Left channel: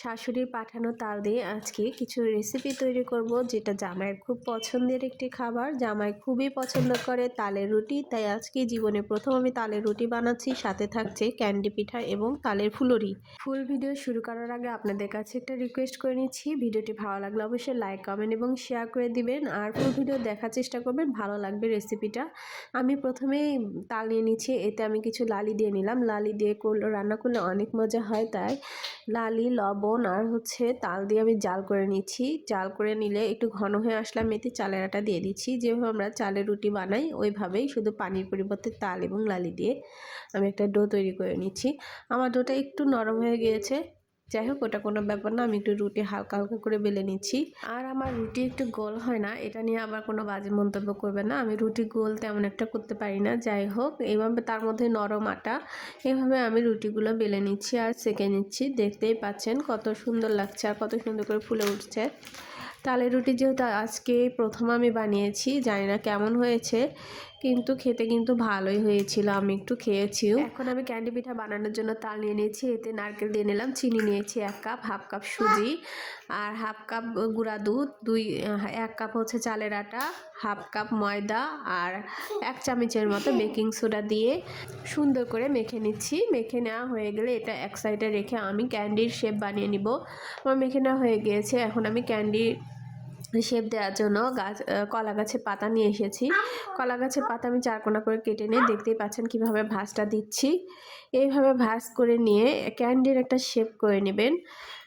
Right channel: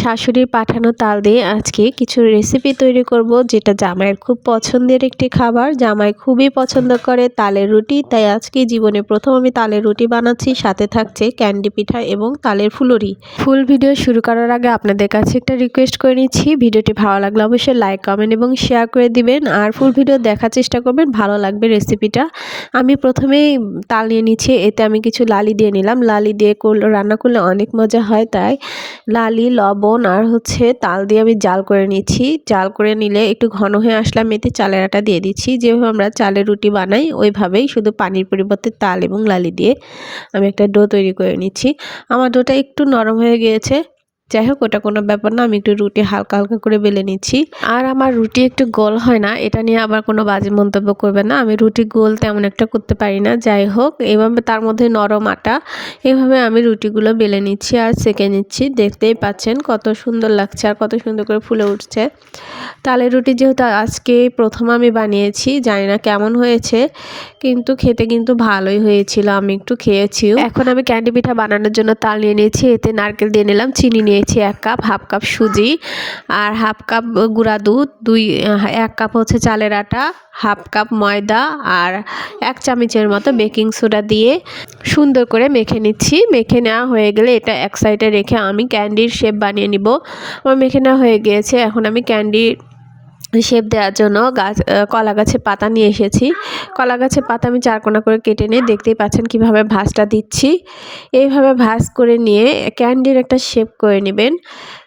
শাশুড়ির পাঠানো তাল দিয়ে আজকে কিছু রেসিপি তৈরি করব, যেটা জামাইয়ের খুব পছন্দের একটি খাবার। জামাই খুবই পছন্দ করে তালের রুটি, তাই আজকে জীবনে প্রথম আমি তালের রুটি বানাচ্ছি, সাথে থাকছে ক্যান্ডি পিঠা এবং তালের ফুলুরি। ফুল ভিডিও শুরু করার আগে আপনাদের কাছে একটা রিকোয়েস্ট করে নিচ্ছি, ভিডিওটি ভালো লাগলে অবশ্যই লাইক কমেন্ট এবং শেয়ার করে দিবেন। আর ফুল ভিডিও দেখার চেষ্টা করবেন, ভালো লাগবে রেসিপিটা আমি প্রথমেই তাল নিয়ে নিচ্ছি, এতে আমি কিছু লালি দিয়ে নিলাম। লালি দিয়ে রান্না করলে অনেক মজা হয়, তাই লালি, লবণ আর হচ্ছে তাল দিয়ে আমি জাল করে নিচ্ছি। জাল করে নিলে একটু ঘন হয়ে আসলাম এতে চালের আটা দিয়ে দিচ্ছি। যেভাবে আমরা চালের রুটি বানাই, ওইভাবেই শুধু পানির পরিবর্তে তাল এবং লালি দিয়ে আমি একটা ডো তৈরি করে নিচ্ছি। আমার ডোটা একটু নরম হয়ে গিয়েছে। যাই হোক ওটা কোনো ব্যাপার না আমি একটু রুটি হালকা হালকা করে বেলে নিচ্ছি। আর আমার রুটি একটু গোল হয় না এটা নিয়ে আবার কোনো বাজে মন্তব্য করবে না। আমি রুটি গোল তেমন একটা করতে পারি না যাই হোক এভাবে তার মধ্যে নরম আটা এভাবে আমি রুটিগুলো বেলে নিচ্ছি আর সেঁকে নিচ্ছি। দেখতেই পাচ্ছেন কত সুন্দর লাগছে আর কত সুন্দর করে ফুলে উঠছে। তালের রুটি যেহেতু আজকে প্রথম আমি বানিয়েছি জানি না কেমন হয়েছে কিন্তু খেতে কিন্তু ভালোই হয়েছিল আমি একটু খেয়েছিও। এখন আমি ক্যান্ডি পিঠা বানানোর জন্য তাল নিয়ে নিয়েছি এতে নারকেল দিয়ে নিলাম চিনি নিয়েছি এক কাপ, হাফ কাপ সুজি আর হাফ কাপ গুঁড়া দুধ, দুই, এক কাপ হচ্ছে চালের আটা, হাফ কাপ ময়দা আর এক চামচের মতো বেকিং সোডা দিয়ে সুন্দর করে মেখে নিচ্ছি। মেখে নেওয়া হয়ে গেলে এটা এক সাইডে রেখে আমি ক্যান্ডির শেপ বানিয়ে নিব। আমার মেখে নেওয়া হয়ে গিয়েছে, এখন আমি ক্যান্ডির শেপ দেওয়ার জন্য গাছ কলা গাছের পাতা নিয়ে এসেছি। কলা গাছের পাতা আমি চারকোনা করে কেটে নিয়ে দেখতেই পাচ্ছেন কীভাবে ভাঁজটা দিচ্ছি। এইভাবে ভাঁজ করে নিয়ে ক্যান্ডির একটা শেপ করে নেবেন।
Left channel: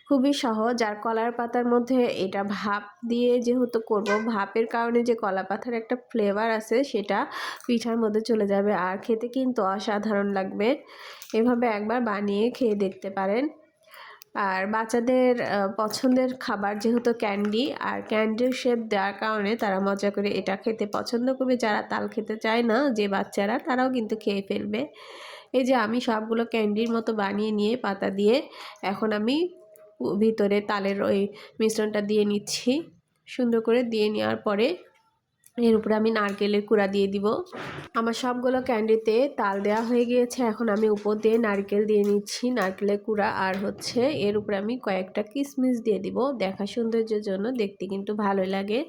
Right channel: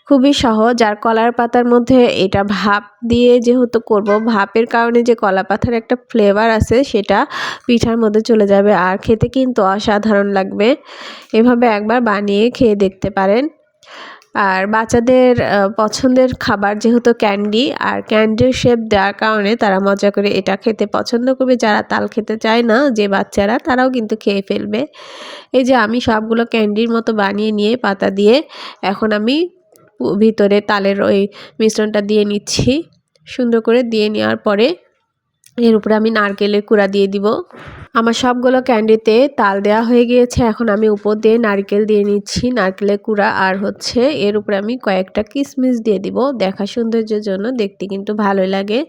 খুবই সহজ। আর কলার পাতার মধ্যে এটা ভাপ দিয়ে যেহেতু করব, ভাপের কারণে যে কলা পাতার একটা ফ্লেভার আছে সেটা পিঠার মধ্যে চলে যাবে। আর খেতে কিন্তু অসাধারণ লাগবে। এভাবে একবার বানিয়ে খেয়ে দেখতে পারেন। আর বাচ্চাদের পছন্দের খাবার যেহেতু ক্যান্ডি, আর ক্যান্ডির শেপ দেওয়ার কারণে তারা মজা করে এটা খেতে পছন্দ করবে। যারা তাল খেতে চায় না, যে বাচ্চারা, তারাও কিন্তু খেয়ে ফেলবে। এই যে আমি সবগুলো ক্যান্ডির মতো বানিয়ে নিয়ে পাতা দিয়ে এখন আমি ভিতরে তালের ওই মিশ্রণটা দিয়ে নিচ্ছি। সুন্দর করে দিয়ে নেওয়ার পরে এর উপরে আমি নারকেলের কুড়া দিয়ে দিব। আমার সবগুলো ক্যান্ডিতে তাল দেওয়া হয়ে গিয়েছে। এখন আমি উপর দিয়ে নারকেল দিয়ে নিচ্ছি। নারকেলের কুড়া আর হচ্ছে এর উপরে আমি কয়েকটা কিশমিশ দিয়ে দিব। দেখা সৌন্দর্যের জন্য দেখতে কিন্তু ভালোই লাগে।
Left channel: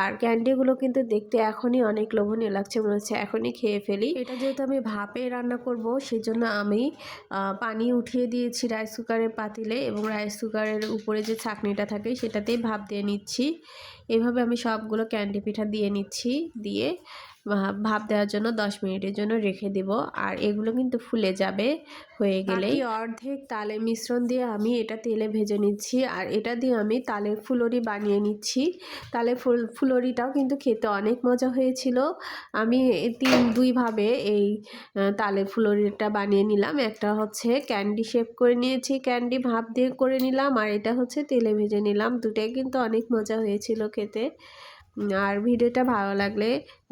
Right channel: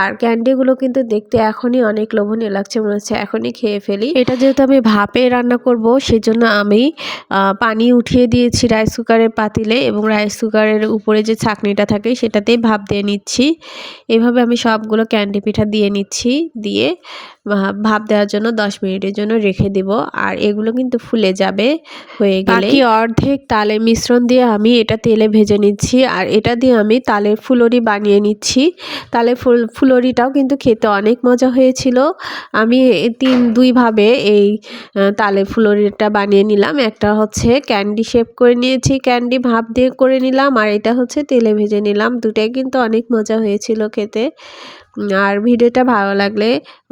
আর ক্যান্ডিগুলো কিন্তু দেখতে এখনই অনেক লোভনীয় লাগছে মনে হচ্ছে। এখনই খেয়ে ফেলি। এটা যেহেতু আমি ভাপে রান্না করব, সেজন্য আমি পানি উঠিয়ে দিয়েছি রাইস কুকারের পাতিলে এবং রাইস কুকারের উপরে যে ছাকনিটা থাকে সেটাতেই ভাপ দিয়ে নিচ্ছি। এভাবে আমি সবগুলো ক্যান্ডি পিঠা দিয়ে নিচ্ছি। দিয়ে ভাপ দেওয়ার জন্য দশ মিনিটের জন্য রেখে দেব। আর এগুলো কিন্তু ফুলে যাবে হয়ে গেলে অর্ধেক তালের মিশ্রণ দিয়ে আমি এটা তেলে ভেজে নিচ্ছি। আর এটা দিয়ে আমি তালের ফুলরি বানিয়ে নিচ্ছি। তালের ফুল ফুলরিটাও কিন্তু খেতে অনেক মজা হয়েছিল। আমি তিন দুইভাবে এই তালের ফুলরিটা বানিয়ে নিলাম। একটা হচ্ছে ক্যান্ডি শেপ করে নিয়েছি ক্যান্ডি ভাপ দিয়ে করে নিলাম। আর এটা হচ্ছে তেলে ভেজে নিলাম। দুটাই কিন্তু অনেক মজা হয়েছিল খেতে। আর ভিডিওটা ভালো লাগলে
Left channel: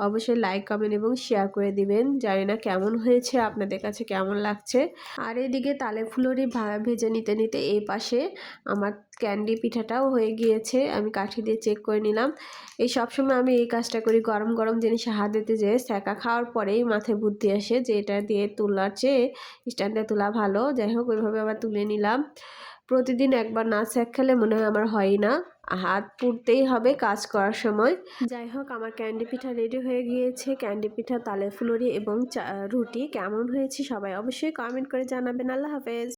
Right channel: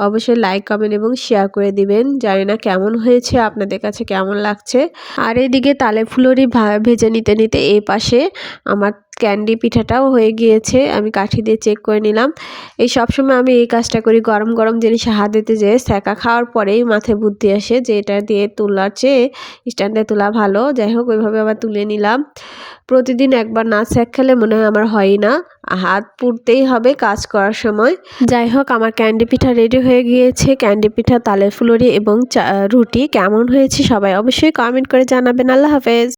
অবশ্যই লাইক কমেন্ট এবং শেয়ার করে দিবেন। জানি না কেমন হয়েছে, আপনাদের কাছে কেমন লাগছে। আর এদিকে তালে ফুলরি ভেজে নিতে নিতে এই পাশে আমার ক্যান্ডি পিঠাটাও হয়ে গিয়েছে, আমি কাঠি দিয়ে চেক করে নিলাম। এই সবসময় আমি এই কাজটা করি, গরম গরম জিনিস হাত দিতে যেয়ে স্যাকা খাওয়ার পরেই মাথায় বুদ্ধি আসে যে এটা দিয়ে তোলার চেয়ে স্ট্যান্ডে তোলা ভালো। যাই হোক, ওইভাবে আবার তুলে নিলাম। প্রতিদিন একবার না স্যাক খেলে মনে হয় আমার হয় না। হাত পুড়তেই হবে কাজ করার সময়। যাই হোক, আমার ক্যান্ডি পিঠা রেডি হয়ে গিয়েছে। ক্যান্ডি পিঠা, তালের ফুলরি এবং রুটি কেমন হয়েছে সবাই অবশ্যই কমেন্ট করে জানাবেন। আল্লাহ হাফেজ।